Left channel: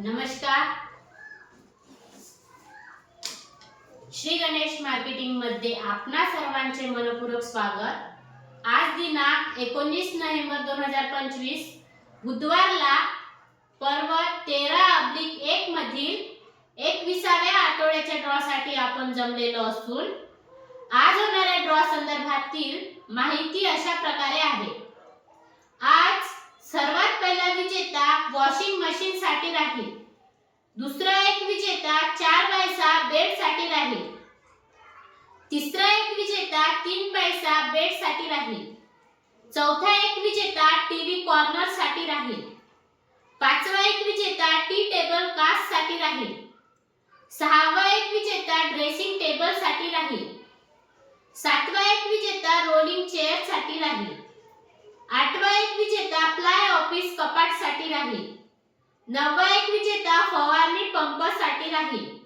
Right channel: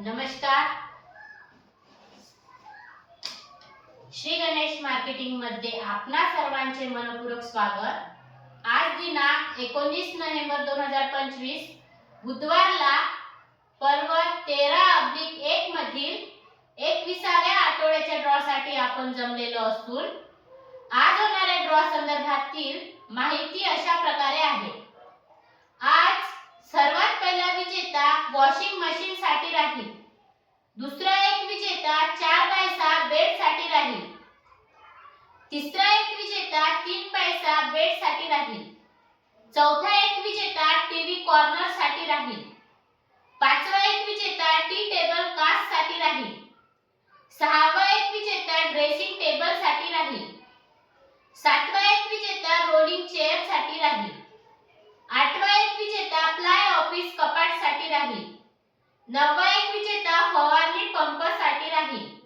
नमस्कार. श्री गणेश मार्केटिंगमध्ये आपणा सर्वांचे मनपूर्वक स्वागत. आज दिनांक एकोणीस नोव्हेंबर दोन हजार पंचवीस बुधवारला पर्व तेरा अब्लिक एक मधील एकविसाव्या आठवड्याच्या ड्रॉ साठी आपण जमलेलो असून आज होणाऱ्या ड्रॉ संदर्भातील माहिती अशा प्रकारे आहे. आज सर्वात पहिला विजेता वॉशिंग मशीन साठी राहील. दुसरा एक विजेता चार बायसा बेडसाठी राहील. तिसरा एक विजेता तीन पैसा बेडसाठी राहील. चौथा एक विजेता टीव्ही कॉर्नरसाठी राहील. पाचवा एक विजेता टी टेबल कास्टसाठी राहील. सहावा एक विजेता ड्रेसिंग टेबलसाठी राहील. सातवा एक विजेता रोलिंग चेअरसाठी राहील. आठवा एक विजेता प्लाय ऑफिस कपाटसाठी राहील. नववा एक विजेता फवारणी पंपसाठी राहील.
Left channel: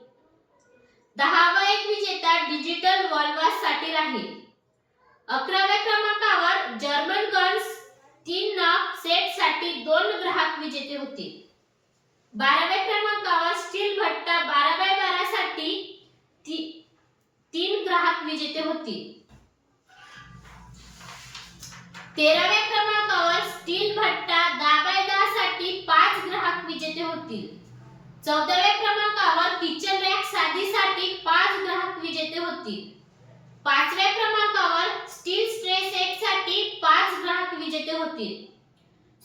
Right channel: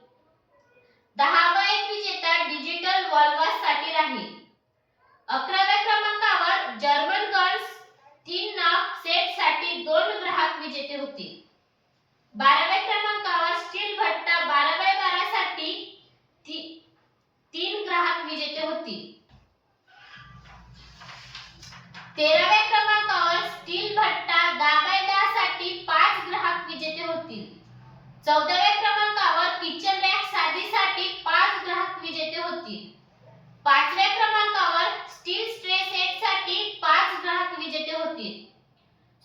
दहावा एक विजेता डिजिटल वॉल्वाससाठी राहील. अकराव्या क्रमांकावर जर्मन गर्ल्स तीन नग सेटसाठी दोन ग्राहक विजेते होतील. बाराव्या क्रमांकावर स्टील भट्टा बारा बाय बारा साठी ती- तीन ग्राहक विजेते होतील. तेराव्या क्रमांकावर स्टील भट्टा दहा साठी पाच ग्राहक विजेते होतील. चौदाव्या क्रमांकावर किचन रॅक साधीसाठी पाच ग्राहक विजेते होतील. पाचव्या क्रमांकावर स्टील स्ट्रे सेटसाठी पाच ग्राहक विजेते होतील.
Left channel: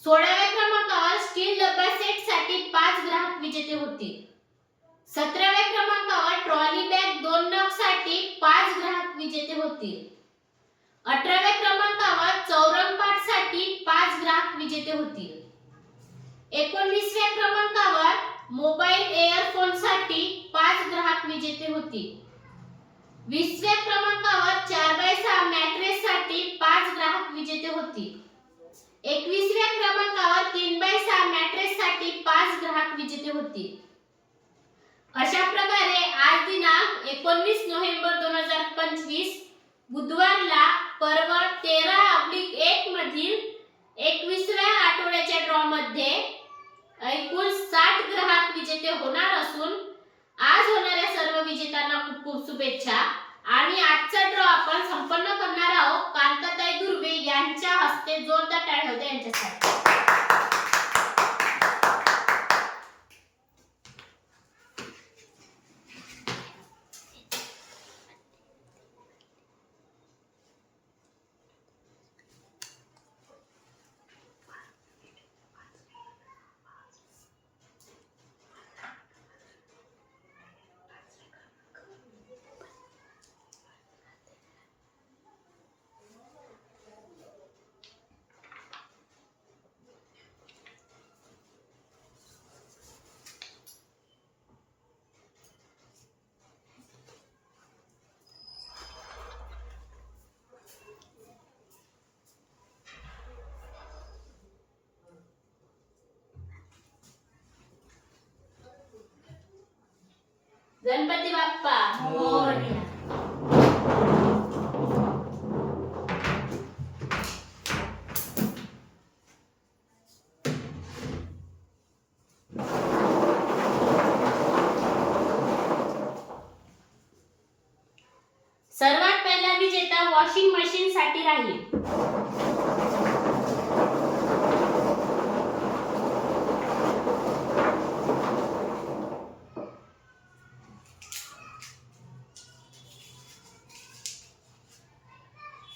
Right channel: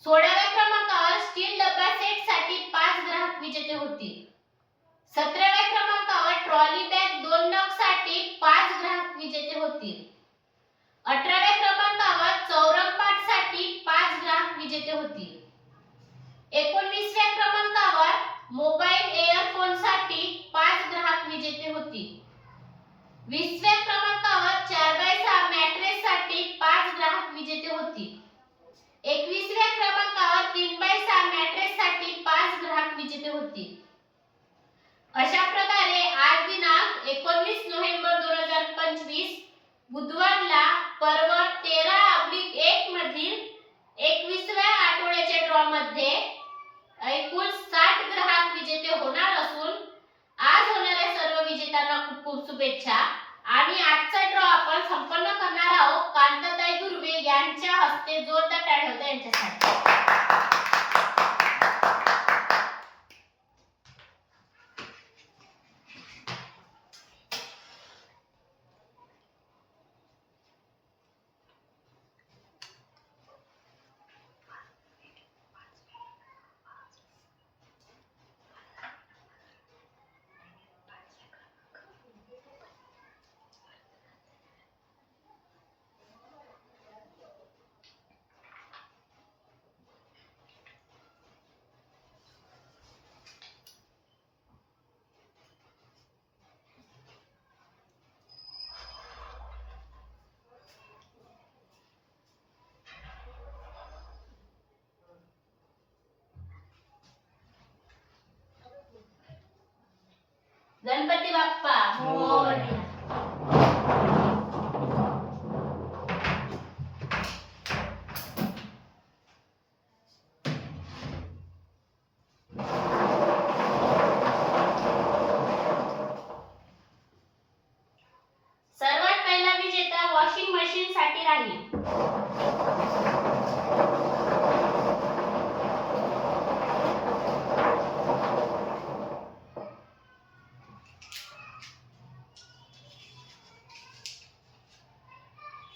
सोळाव्या क्रमांकावर स्टील डब्बा सेटसाठी पाच ग्राहक विजेते होतील. सतराव्या क्रमांकावर ट्रॉली बॅग दोन नगसाठी पाच ग्राहक विजेते होतील. अठराव्या क्रमांकावर चौरंगपाठसाठी पाच ग्राहक विजेते होतील. एकोणवीसव्या क्रमांकावर मोबाईल एअरफोनसाठी पाच ग्राहक विजेते होतील. वीसव्या क्रमांकावर चार बाय सहा मॅट्रेस साठी पाच ग्राहक विजेते होतील. एकवीसव्या क्रमांकावर तीन बाय सहा मॅट्रेस साठी पाच ग्राहक विजेते होतील. अशा प्रकारे आज दिनांक एकोणवीस नोव्हेंबर दोन हजार पंचवीस बुधवारला पर्व तेरा अब्लिक एक मधील एकविसव्या आठवड्याच्या ड्रॉ मध्ये एकूण साठ ग्राहक विजेते होणार असून आज होणाऱ्या सर्व विजेत्यांना खूप खूप शुभेच्छा. आणि आजचा ड्रॉ आपण संपन्न करणार आहोत. कांताताई दुर्वे यांच्या हस्ते जोरदार टाळ होते यांच्यासाठी. गणपती बाप्पा मोरया. सर्वात पहिला विजेता वॉशिंग मशीन साठी राहील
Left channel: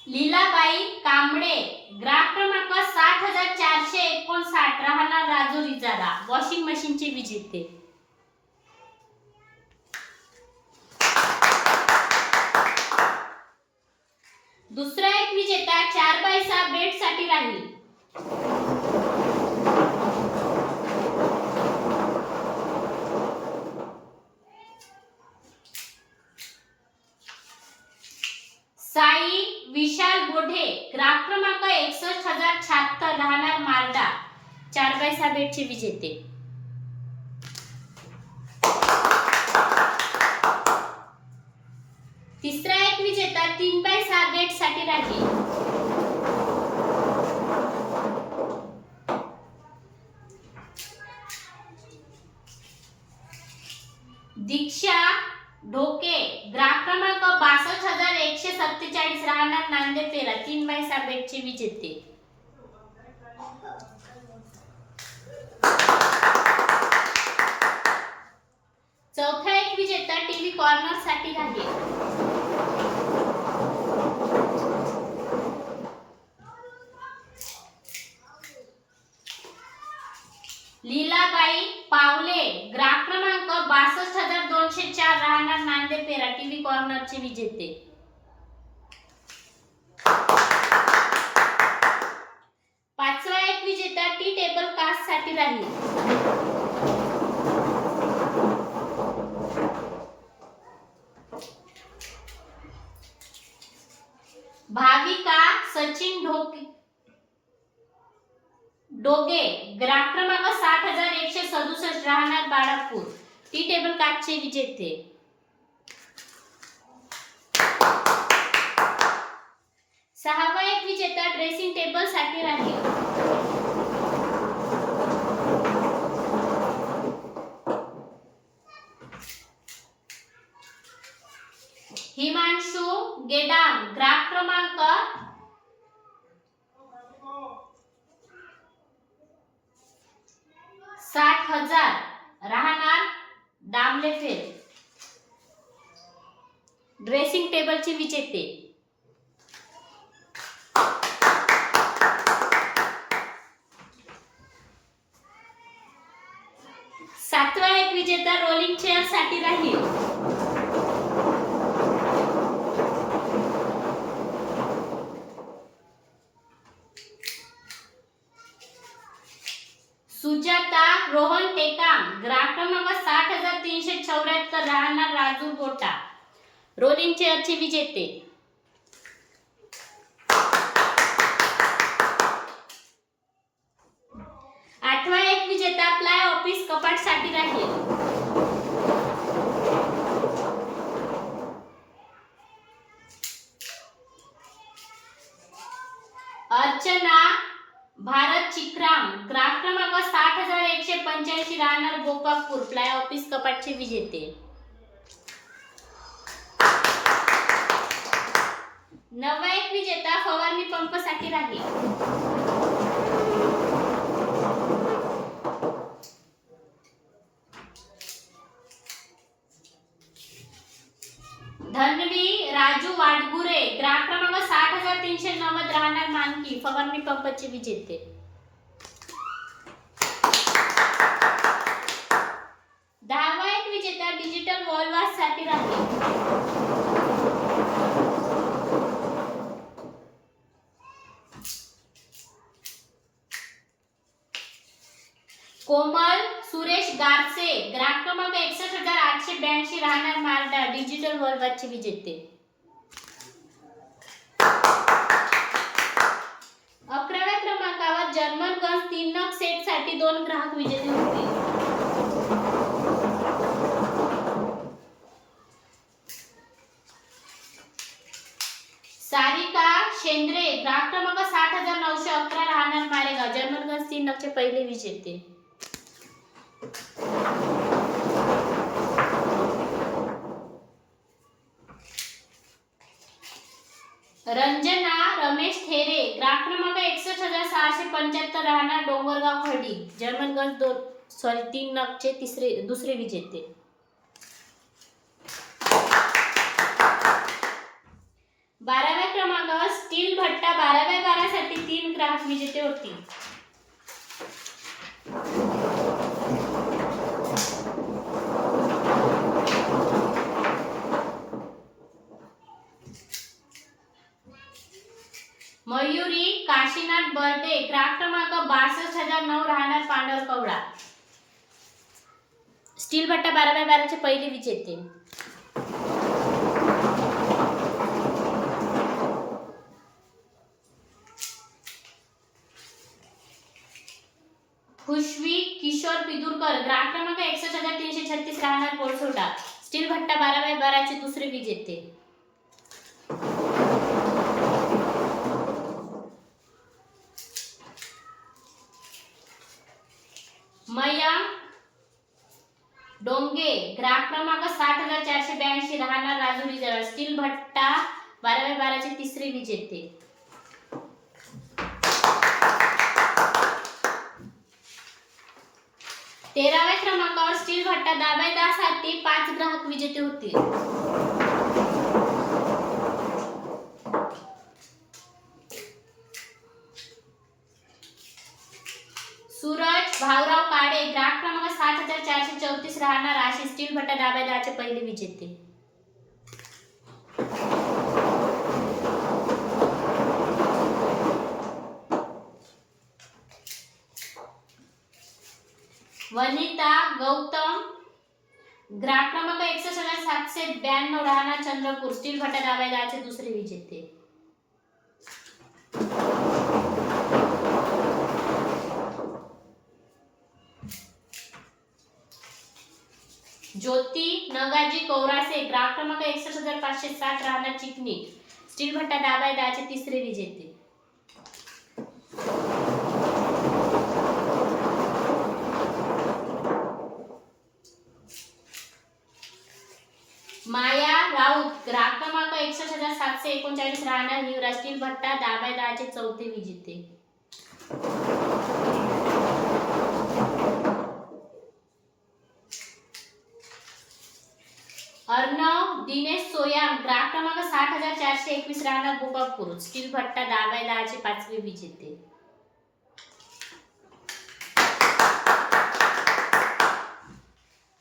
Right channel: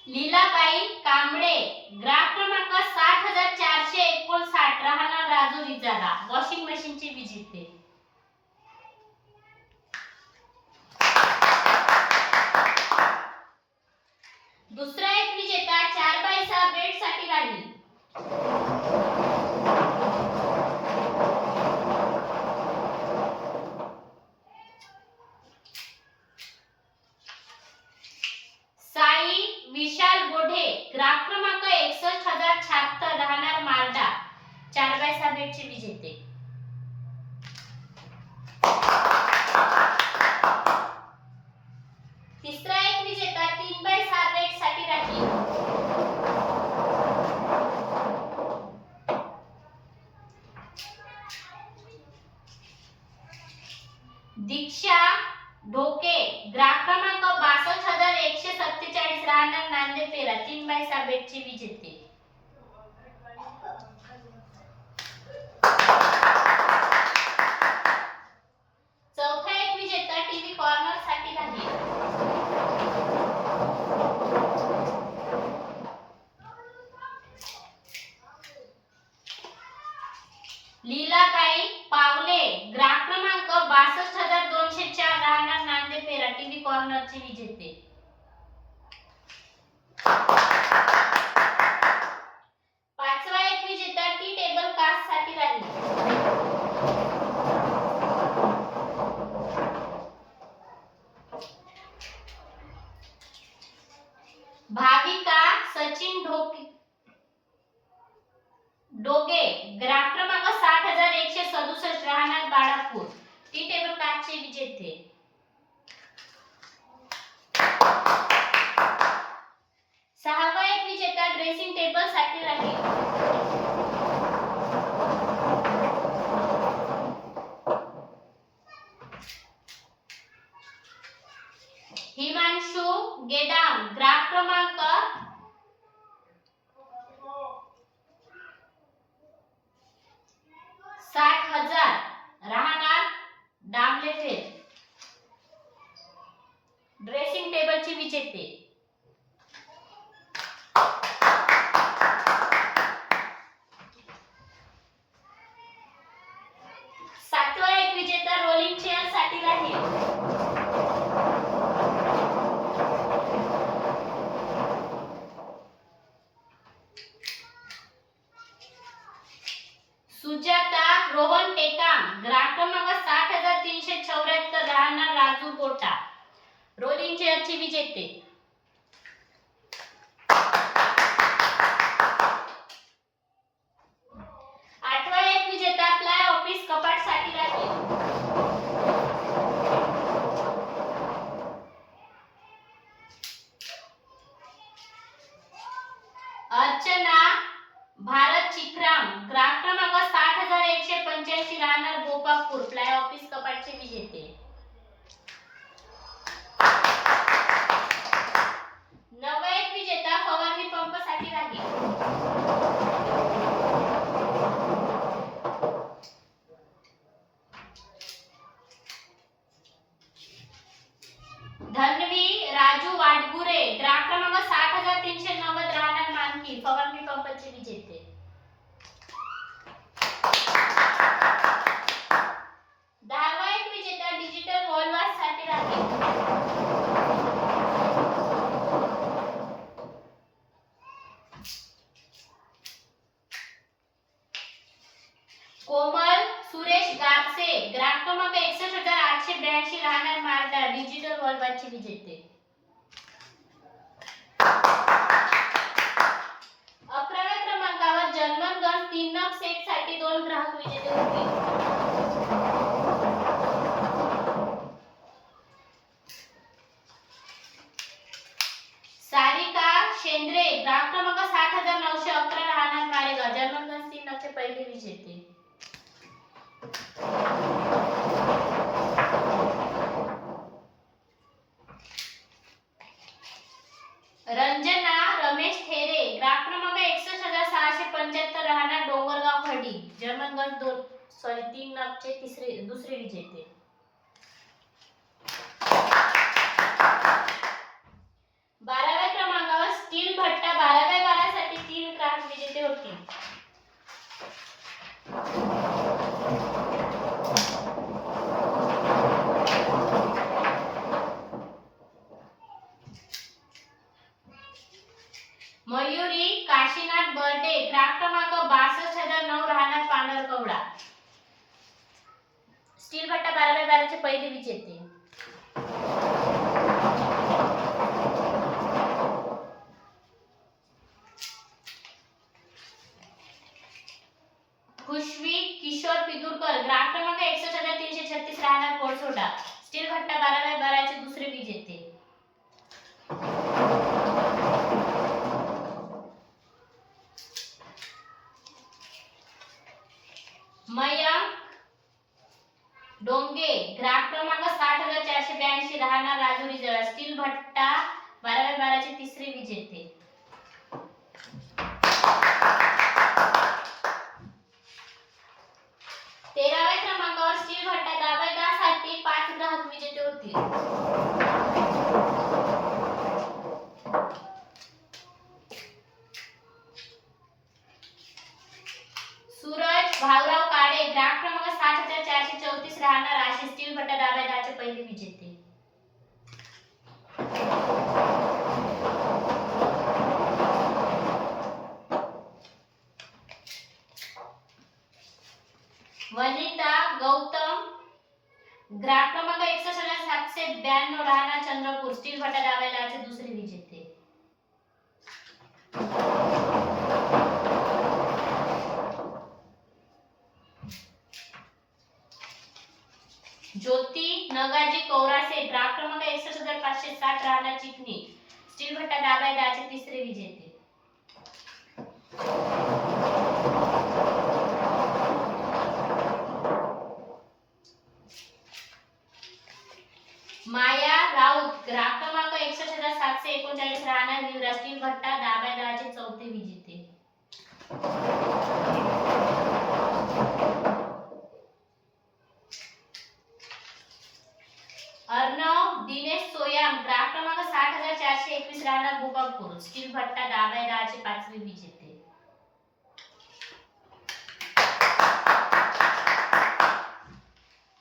लीलाबाई कांबळे ग्राहक क्रमांक साठ हजार चारशे एकोणसाठ राहणार राजुरी जागा वॉशिंग मशीनची विजेते दुसरा एक विजेता चार बाय सहा बेडसाठी राहील साई विशाल बोढे ग्राहक क्रमांक एकसष्ट हजार शहात्तर राहणार मालदा चार बाय सहा बेडचे विजेते तिसरा एक विजेता तीन बाय सहा बेडसाठी राहील दीक्षा ढोके ग्राहक क्रमांक बासष्ट हजार एकशे सत्तेचाळीस राहणार नांदेड पेरा तीन बाय सहा बेटचे विजेते चौथा एक विजेता टीव्ही कॉर्नरसाठी राहील लीलाबाई पावले ग्राहक क्रमांक बासष्ट हजार दोनशे चार राहणार नांदेड पेरा टीव्ही कॉर्नरचे विजेते पाचवा एक विजेता टी टेबल कास्टसाठी राहील भाविका सचिन ढोके डोगे ग्राम क्रमांक साठ हजार एकशे सदुसष्ट राहणार बाळापूर. टी टेबल काचचे विजेते. सहावा एक विजेता ड्रेसिंग टेबलसाठी राहील हिमांशु गेडाम ग्राहक क्रमांक साठ हजार राहणार डांबले फेर. ड्रेसिंग टेबलचे विजेते. सातवा एक विजेता रोलिंग चेअरसाठी राहील सुजाता रोहन टेकाम ग्राहक क्रमांक साठ हजार तीनशे चौऱ्याहत्तर राहणार राजू गोटा रोलिंग विजेते. आठवा एक विजेता प्लाय ऑफिस कपाटसाठी राहील. अर्चना भारत चिक्राम ग्राहक क्रमांक साठ हजार एकशे पंच्याऐंशी राहणार गोपापूर फ्लाय ऑफिस कपाटचे विजेते. नवा एक विजेता फवारणी पंपसाठी राहील. धनवी राजू वाडगुरे ग्राहक क्रमांक साठ हजार तीनशे नव्वद राहणार मानकी फवारणी पंपचे विजेते दहावा एक विजेता डिजिटल वॉलवाससाठी राहील कोमल सुरेश गारसे ग्राहक क्रमांक एकसष्ट हजार आठशे ब्याऐंशी राहणार मारडा डिजिटल वॉलवासचे विजेते. अकराव्या क्रमांकावर जर्मन गन्स तीन नग सेटसाठी दोन ग्राहक विजेते होतील सारिका शेंद्रे ग्राहक क्रमांक साठ हजार नऊशे अकरा राहणार मालेगाव जर्मन गन्स तीन नगचे पहिले विजेते रंजना रमेश थेरे ग्राहक क्रमांक एकसष्ट हजार सहाशे पंच्याहत्तर राहणार डोंगरगाव जर्मन दोन सॉरी तीन नगचे तिसरे दुसरे विजेते. बाराव्या क्रमांकावर स्टील भट्टा बाराव्या बारासाठी तीन ग्राहक विजेते होते. मयुरी काशीनाथ बर्डे ग्राहक क्रमांक बासष्ट हजार नऊ राहणार पांढरकवडा स्टील भट्टा बाराव्या बाराचे पहिले विजेते. खुशवी किशोर पिदुरकर ग्राहक क्रमांक एकसष्ट हजार तीनशे छत्तीस राहणार कोळसोडा स्टील भट्टा बाराव्या बाराचे दुसरे विजेते. येते डोंगे ग्राहक क्रमांक साठ हजार चारशे ब्याऐंशी राहणार राजुरी जवळ स्टील भट्टा बाराव्या बाराचे तिसरे विजेते तेराव्या क्रमांकावर स्टील भट्टा दाबायदासाठी पाच ग्राहक विजेते होतील सूरज भाऊराव काळे ग्राहक क्रमांक सात हजार चारशे चौतीस राहणार आशिष स्टील भट्टा दाबायदाचे पहिले विजेते. वनिता गौतम ग्राहक क्रमांक एकसष्ट हजार सातशे ब्याण्णव राहणार चंद्रपूर स्टील भट्टा दाबायदाचे दुसरे विजेते. ज्योती नगाजी कौरासे ग्राहक क्रमांक एकसष्ट हजार पाचशे साठ राहणार चिकणी स्टील भट्टा दाबाय दहाचे तिसरे विजेते. माया राऊत ग्राहक क्रमांक एकसष्ट हजार सातशे एकोणचाळीस राहणार युवराज. स्टील भट्टा दाबायदाचे चौथे विजेते अर्णव दिनेश सोयाम ग्राहक क्रमांक साठ हजार एकवीस राहणार गोपापूर स्टील भट्टा दहा बाय दहाचे पाचवे विजेते.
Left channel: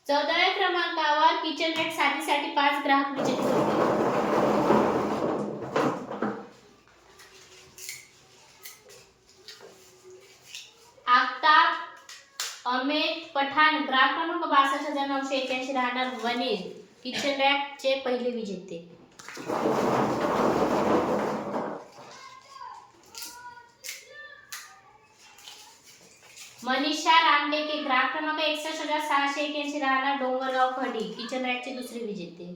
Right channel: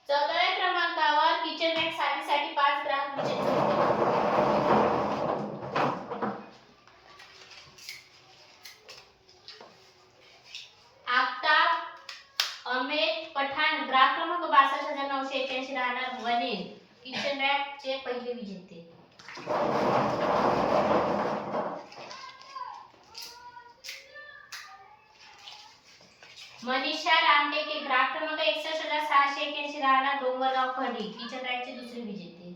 चौदाव्या क्रमांकावर किचन बॅगसाठी साठी पाच ग्राहक विजेते. होते अमेर पठाण ग्राहक क्रमांक बासष्ट हजार नऊशे एक्याऐंशी राहणार वनील किचन रॅकचे पहिले विजेते. मनीषा रामटेके ग्राहक क्रमांक एकसष्ट हजार सहाशे एक्याऐंशी राहणार डोंगरगाव खडी. किचन रॅकचे दुसरे विजेते.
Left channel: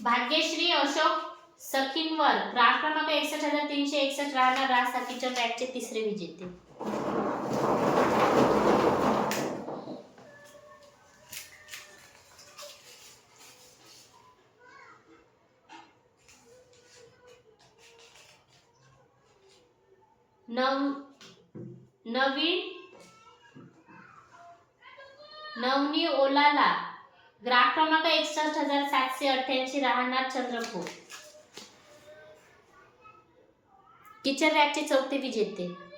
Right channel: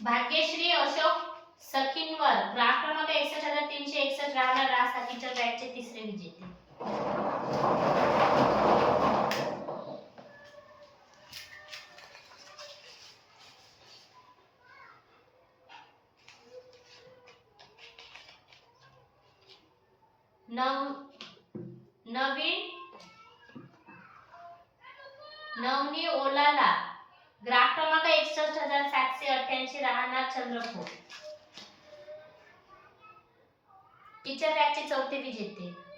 भाग्यश्री अशोक सखींवर ग्राहक क्रमांक एकसष्ट हजार तीनशे एकसष्ट राहणार रास्ता किचन रॅकचे तिसरे विजेते. नव नवीन नवनी ओलाला. ग्राहक क्रमांक एकसष्ट हजार सातशे अठ्ठ्याऐंशी राहणार चंद्रपूर. किचन रॅकचे चौथे विजेते.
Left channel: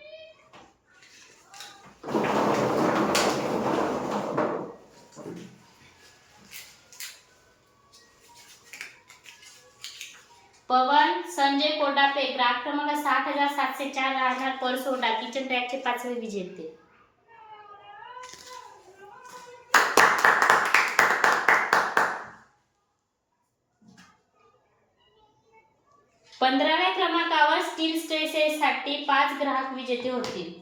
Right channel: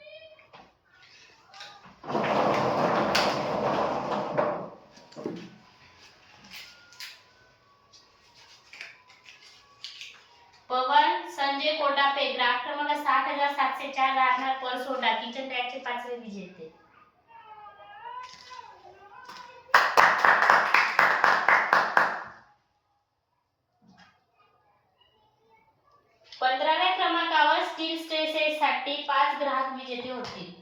हजार चार राहणार परसोडा किचन रॅकचे पाचवे विजेते पंधराव्या क्रमांकावर स्टील स्ट्रेसेससाठी पाच ग्राहक विजेते होतील.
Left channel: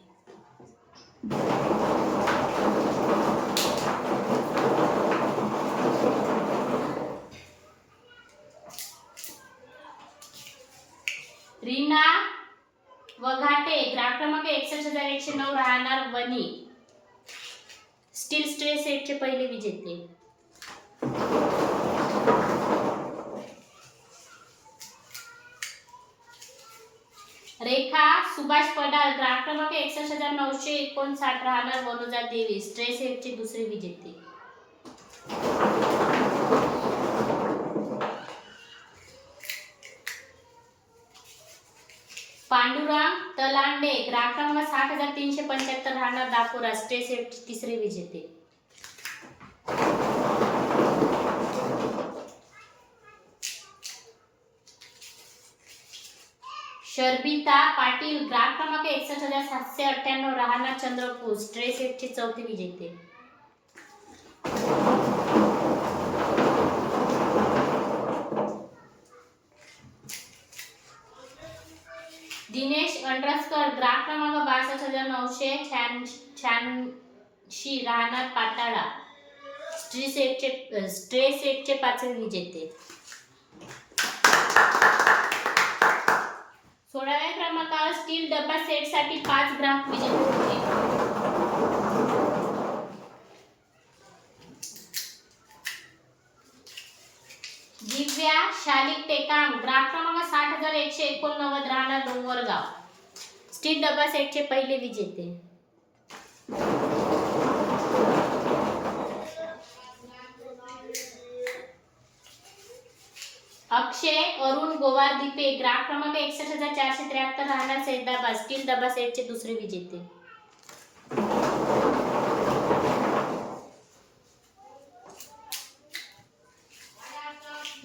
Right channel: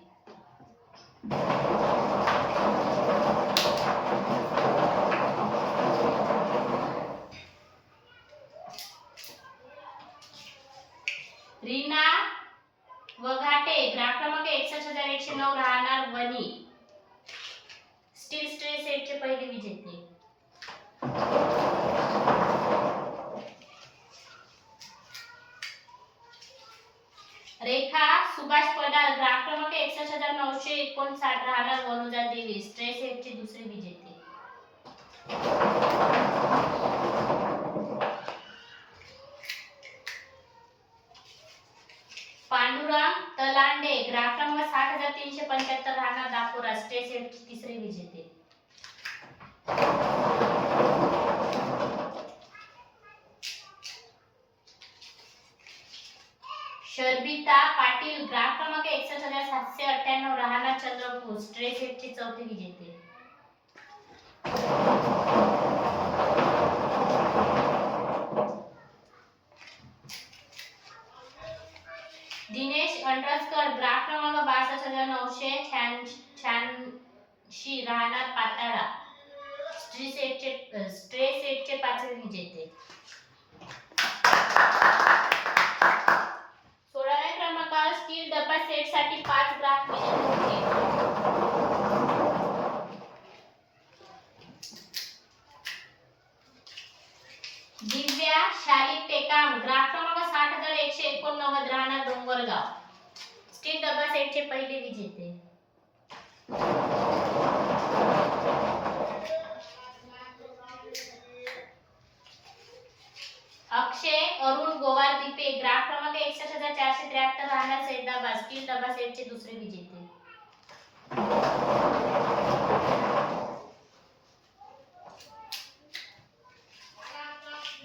वघाटे ग्राहक क्रमांक एकसष्ट हजार एकशे नऊ राहणार वनी स्टील स्ट्रे सेटचे पहिले विजेते. रेखा सुभाष पडाल ग्राहक क्रमांक एकसष्ट हजार नऊशे एकोणसाठ राहणार वनुजा देवी. स्ट्रे सेटचे दुसरे विजेते. पांडुराम तलांडे ग्राहकांवर सात हजार तीनशे पंच्याहत्तर राहणार दापुरा स्टे सेट तिसरे विजेते. शर्बिता पाटील ग्राहक क्रमांक एकसष्ट हजार सातशे अठ्ठ्याण्णव राहणार चंद्रपूर स्ट्रेस एटची चौथी विजेते. दिनेश अंडरस्कर ग्राफ क्रमांक बासष्ट हजार नऊशे शहाऐंशी राहणार पाताळा. स्ट्री सेटचे स्ट्रे सेटचे पाच विजेते. सोळाव्या क्रमांकावर स्टील डबल सेटसाठी पाच ग्राफ विजेते होते. दिव्या शालिक टेकाम ग्राफ एकशे एकोणनव्वद राहणार डोंगरगाव स्टील डबा सेटचे पहिले विजेते. अक्षय अरुण गोवार दिपे ग्राहक क्रमांक एकसष्ट हजार चारशे त्र्याहत्तर राहणार सैदाबाद. स्टील डबा सेटचे दुसरे विजेते.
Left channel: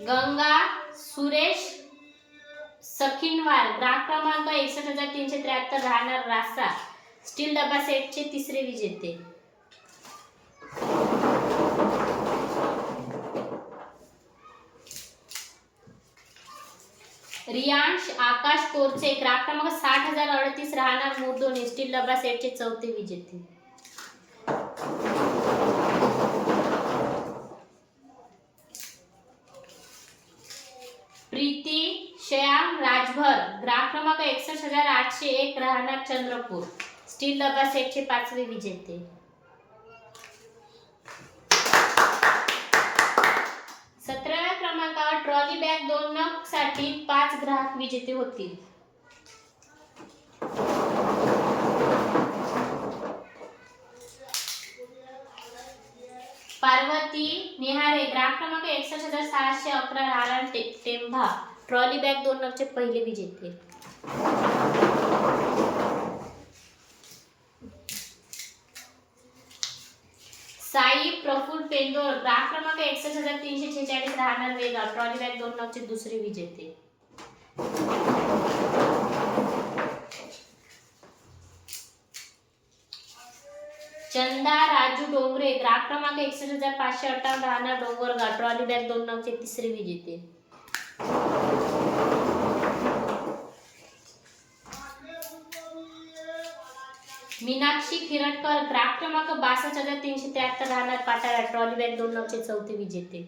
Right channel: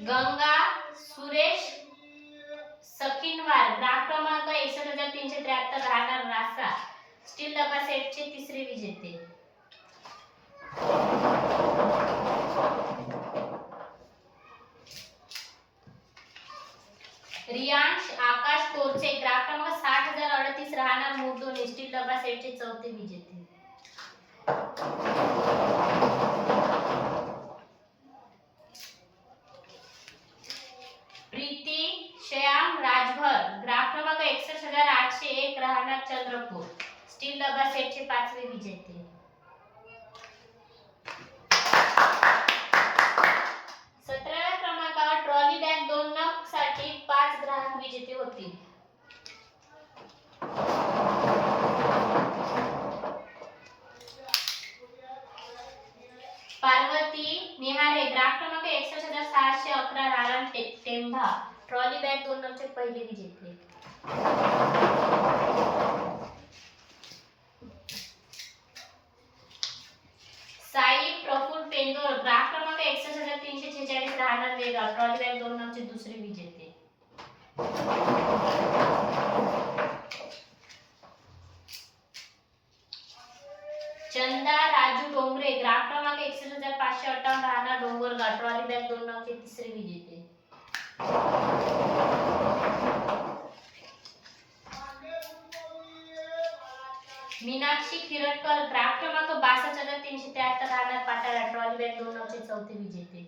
गंगा सुरेश सखिनवार ग्राम क्रमांक एकसष्ट हजार तीनशे त्र्याहत्तर राहणार रासा स्टील डबा सेटचे तिसरे विजेते. रियांश आकाश कोरचे. ग्राम क्रमांक साठ हजार अडतीस राहणार मुर्दोनी. स्टील डबा सेटचे चौथे विजेते. प्रीती श्याम राजभर ग्राम क्रमांक एकसष्ट हजार आठशे एक राहणार चंद्रपूर. स्टील डबा सेटचे पाचवे विजेते. सतराव्या क्रमांकावर ट्रॉली बॅग दोन नगसाठी पाच ग्राहक विजेते होतील. पार्वती निहारे ग्राम क्रमांक एकसष्ट हजार सहाशे अकरा राहणार टे- टेंभा. ट्रॉली बॅग दोन नगचे पहिले विजेते साई प्रफुल पेंदोर ग्राहक क्रमांक एकसष्ट हजार तीनशे छेचाळीस राहणार वेगाव ट्रॉली बॅग दोन नगचे दुसरे विजेते चंदा राजू डोंगरे ग्राहक क्रमांक एकसष्ट हजार पाचशे अठ्ठावन्न राहणार डोंगरगाव. ट्रॉली बॅग दोन नगचे तिसरे विजेते मीनाक्षी खिरटकर ग्राहक क्रमांक बासष्ट हजार तीनशे त्र्याहत्तर राहणार पाटाळा ट्रॉली बॅग दोन नऊशे चौथे विजेते.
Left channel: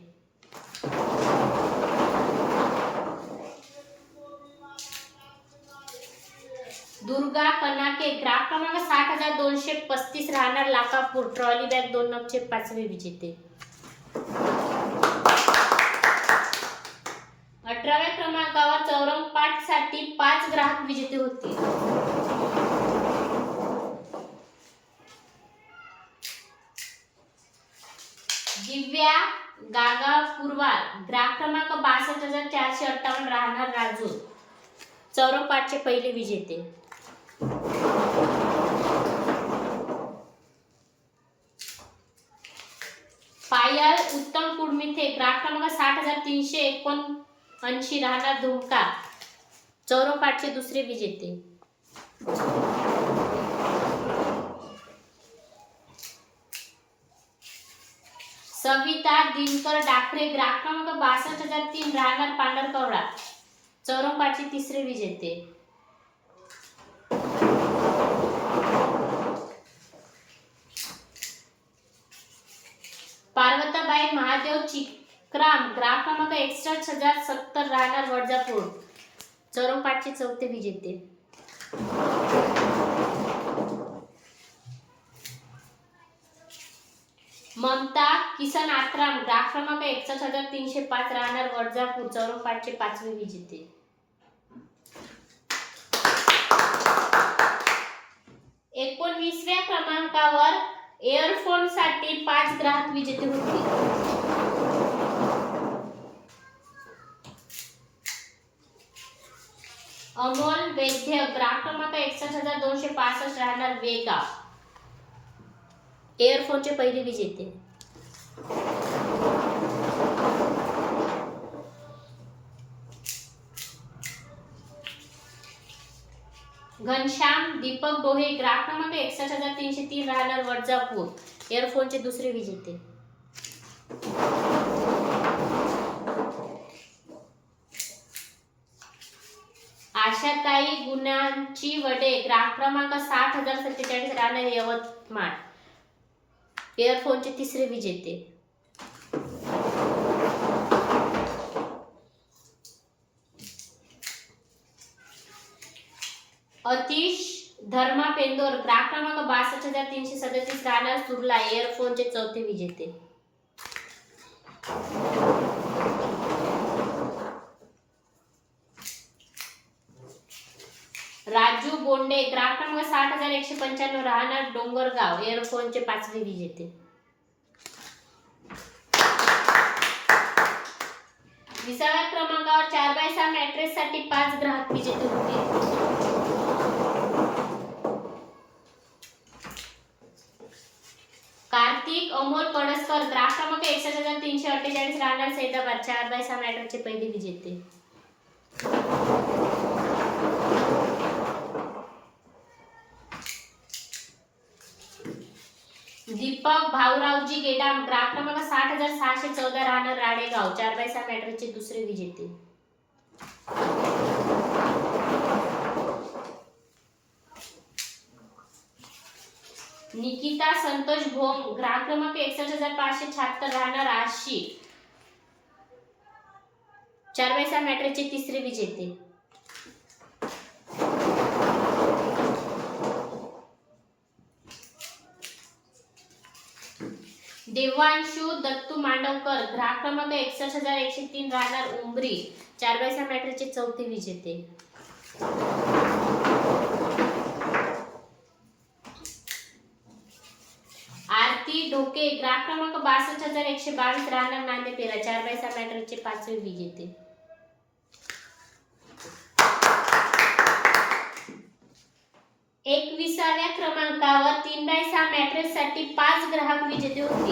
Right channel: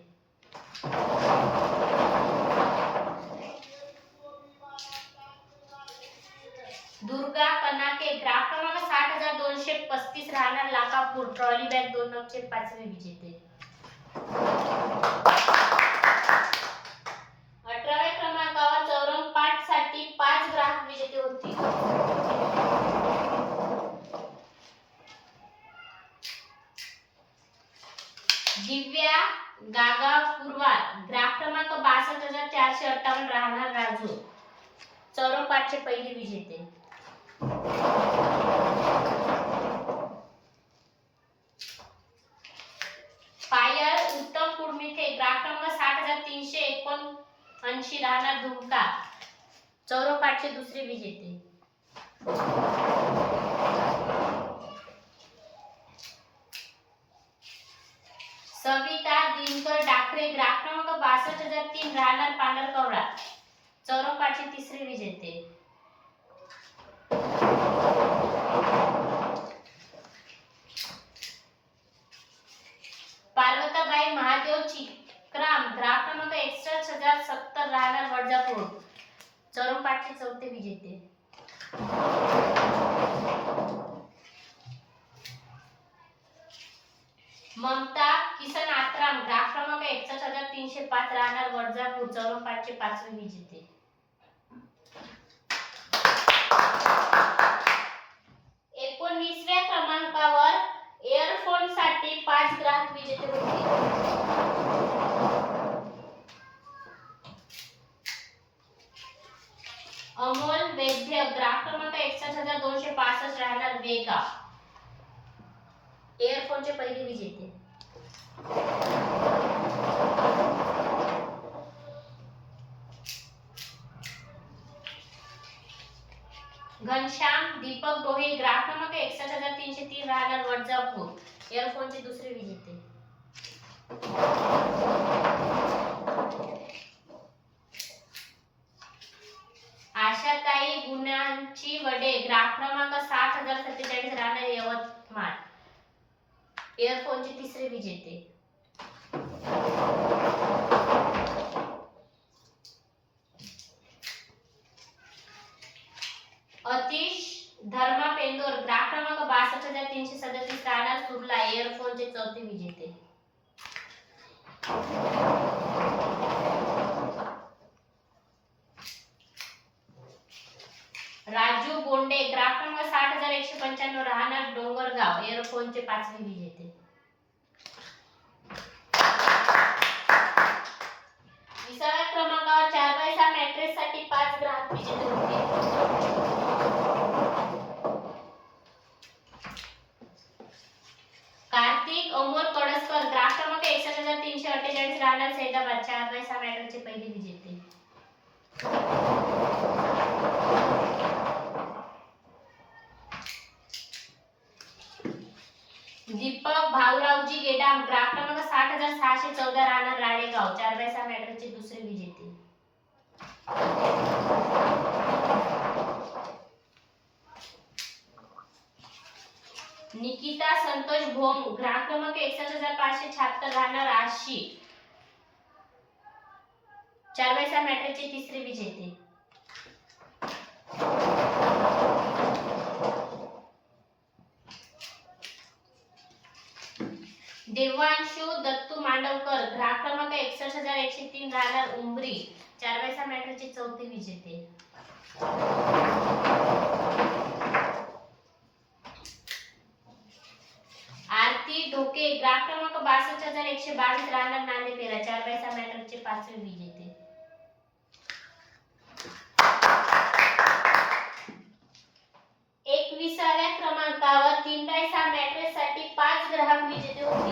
दुर्गा कनाके ग्राहक क्रमांक साठ हजार दोनशे पस्तीस राहणार लाकापूर ट्रॉली बॅग दोन नऊशे पाचवे विजेते अठराव्या क्रमांकावर चौरंग पाठसाठी पाच ग्राहक विजेते होतील दिव्या गागा पुरवार ग्राहक क्रमांक बासष्ट हजार चारशे अठ्ठावन्न राहणार राजू. चौरंग पहिले विजेते. पायल उत्तम कुडमिथे ग्राहक क्रमांक साठ हजार तीनशे एकोणऐंशी राहणार धुमका. चौरंग दुसरे विजेते. सविता दिनकर डाकरे ग्राहक क्रमांक बासष्ट हजार तीन राहणार पांढरकवडा चौरंग तिसरे विजेते. पार्वताबाई महादेव चिक्राम ग्राहक क्रमांक एकसष्ट हजार सत्तर राहणार वडजापूर. चौरंग चौथे विजेते. ममता किसन आत्राम ग्राहक क्रमांक एकसष्ट हजार तीनशे पाच राहणार वडजापूर चौरंग पाचवी विजेते एकोणवीसव्या क्रमांकावर एअरफोनसाठी पाच ग्राहक विजेते होते. अमोल वैद्य ग्राहक क्रमांक एकसष्ट हजार दोनशे पासष्ट राहणार वेगा. एअरफोनचे पहिले विजेते घनश्याम दीपक डोहे ग्राहक क्रमांक एकसष्ट हजार तीनशे तीन राहणार वडजापूर. एअरफोनचे दुसरे वीज येते. आशा आशाताई गुणांची वडे ग्राहक क्रमांक साठ हजार सत्तेचाळीस राहणार यवतमाळ. एअरफोनचे तिसरे विजेते अतिश धर्मा पेंदोर ग्राहक क्रमांक बासष्ट हजार तीनशे सदतीस राहणार सुरला. एअरफोनचे चौथे विजेते राजू बोंडे ग्राफ नंबर साठ हजार एकशे पंच्याण्णव राहणार डोंगरगाव एअरफोनचे पाचवे विजेते. विसाव्या क्रमांकावर चार बाय सहा मॅट्रेस साठी पाच ग्राहक विजेते होते. कार्तिक अमोल पडसकर ग्राहक क्रमांक एकसष्ट हजार तीनशे अठ्ठेचाळीस राहणार सैदाबाद चार बाय सहा मॅट्रेसचे पहिले विजेते दीपक भाऊरावजी गेडाम ग्राफ क्रमांक साठ हजार सहाशे चौदा राहणार राणेगाव चार बाय सहा दुसरे विजेते. निकिता संतोष भोम ग्राफ क्रमांक एकसष्ट हजार पाचशे शहात्तर राहणार आशी चार बाय सहा तिसरे विजेते. देवांशु दत्तू मांडवकर ग्राहक क्रमांक एकसष्ट हजार एकशे तीन राहणार उंबरी चार बाय सहा मॅट्रेसचे चौथे विजेते. आरती ढोके ग्राहक क्रमांक बासष्ट हजार एकशे बावीस राहणार नांदेपेरा चार बाय सहा मॅट्रेसचे पाचवे विजेते एकविसाव्या क्रमांकावर तीन मॅट्रेस साठी पाच ग्राहक विजेते होते.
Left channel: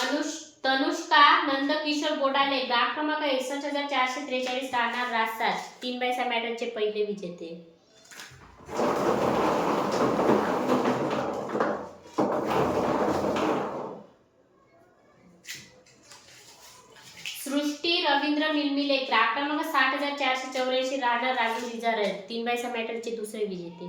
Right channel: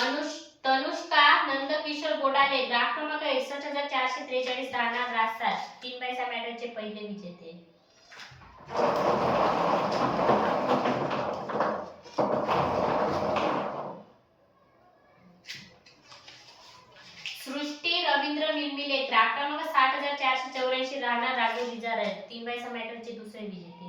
अनुष तनुष्का नंदकिशोर बोडाले ग्राहक क्रमांक एकसष्ट हजार चारशे त्रेचाळीस राहणार राहतात तीन बाय सहा मॅट्रेसचे पहिले विजेते. चारशे चौऱ्याऐंशी राहणार राजू विजार तीन बाय सहा मॅट्रेसचे दुसरे विजेते.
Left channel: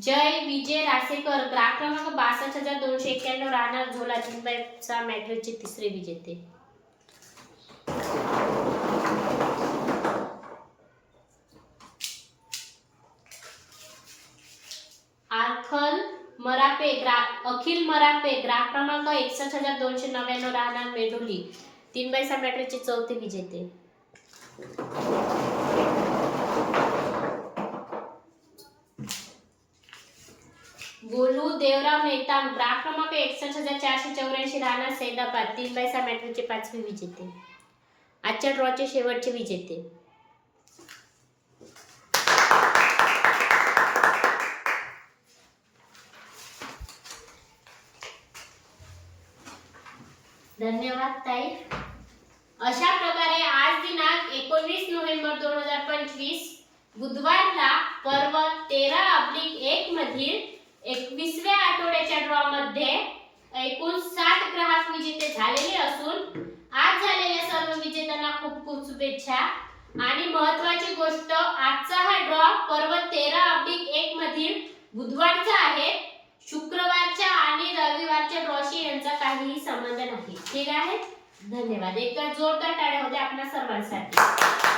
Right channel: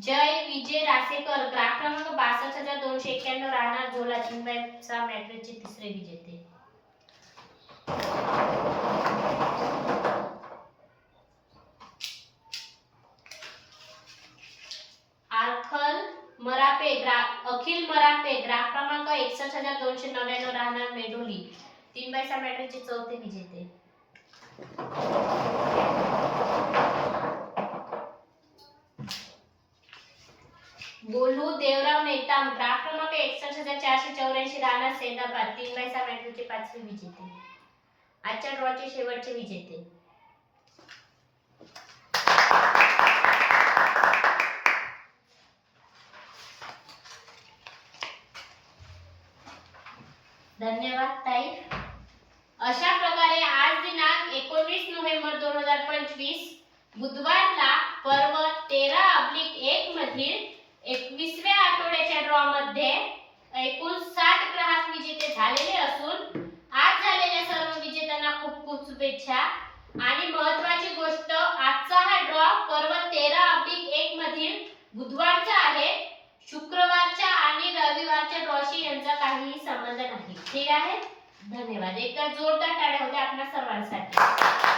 जय विजय रासेकर. ग्राहक क्रमांक बासष्ट हजार दोनशे एक्क्याण्णव राहणार झोला. तीन बाय सहा तिसरे विजेते. ग्राहक क्रमांक एकसष्ट हजार दोनशे नव्याण्णव राहणार मेडोली तीन बाय सहा मॅट्रेसचे चौथे विजेते गोलू देवराव नेताम ग्राफ क्रमांक एकसष्ट हजार चारशे चौऱ्याऐंशी राहणार सैदाबाद. तीन बाय सहा मॅट्रिकचे पाचवे विजेते आजच्या ड्रॉचे शेवटचे विजेते धन्यवाद ताई. अशा प्रकारे आज दिनांक एकोणवीस नोव्हेंबर दोन हजार पंचवीस बुधवारला पर्व तेरा अब्लिक एक मधील एकवीसव्या आठवड्याच्या ड्रॉ मध्ये एकूण सात ग्राहक विजेते झालेले असून आज झालेल्या सर्व विजेत्यांना खूप खूप शुभेच्छा. आणि महत्वाची गोष्ट आजचा हा ड्रॉ पर्व तेरा अब्लिक एक मधील बुधवारचा आहे. शुक्रवारच्या आणि रविवारच्या ड्रॉशी यांचा काहीही संबंध नाही. ठीक आहे? धन्यवाद. एकदा जोरदार टाळ्या होत्या आपल्या सर्वांसाठी.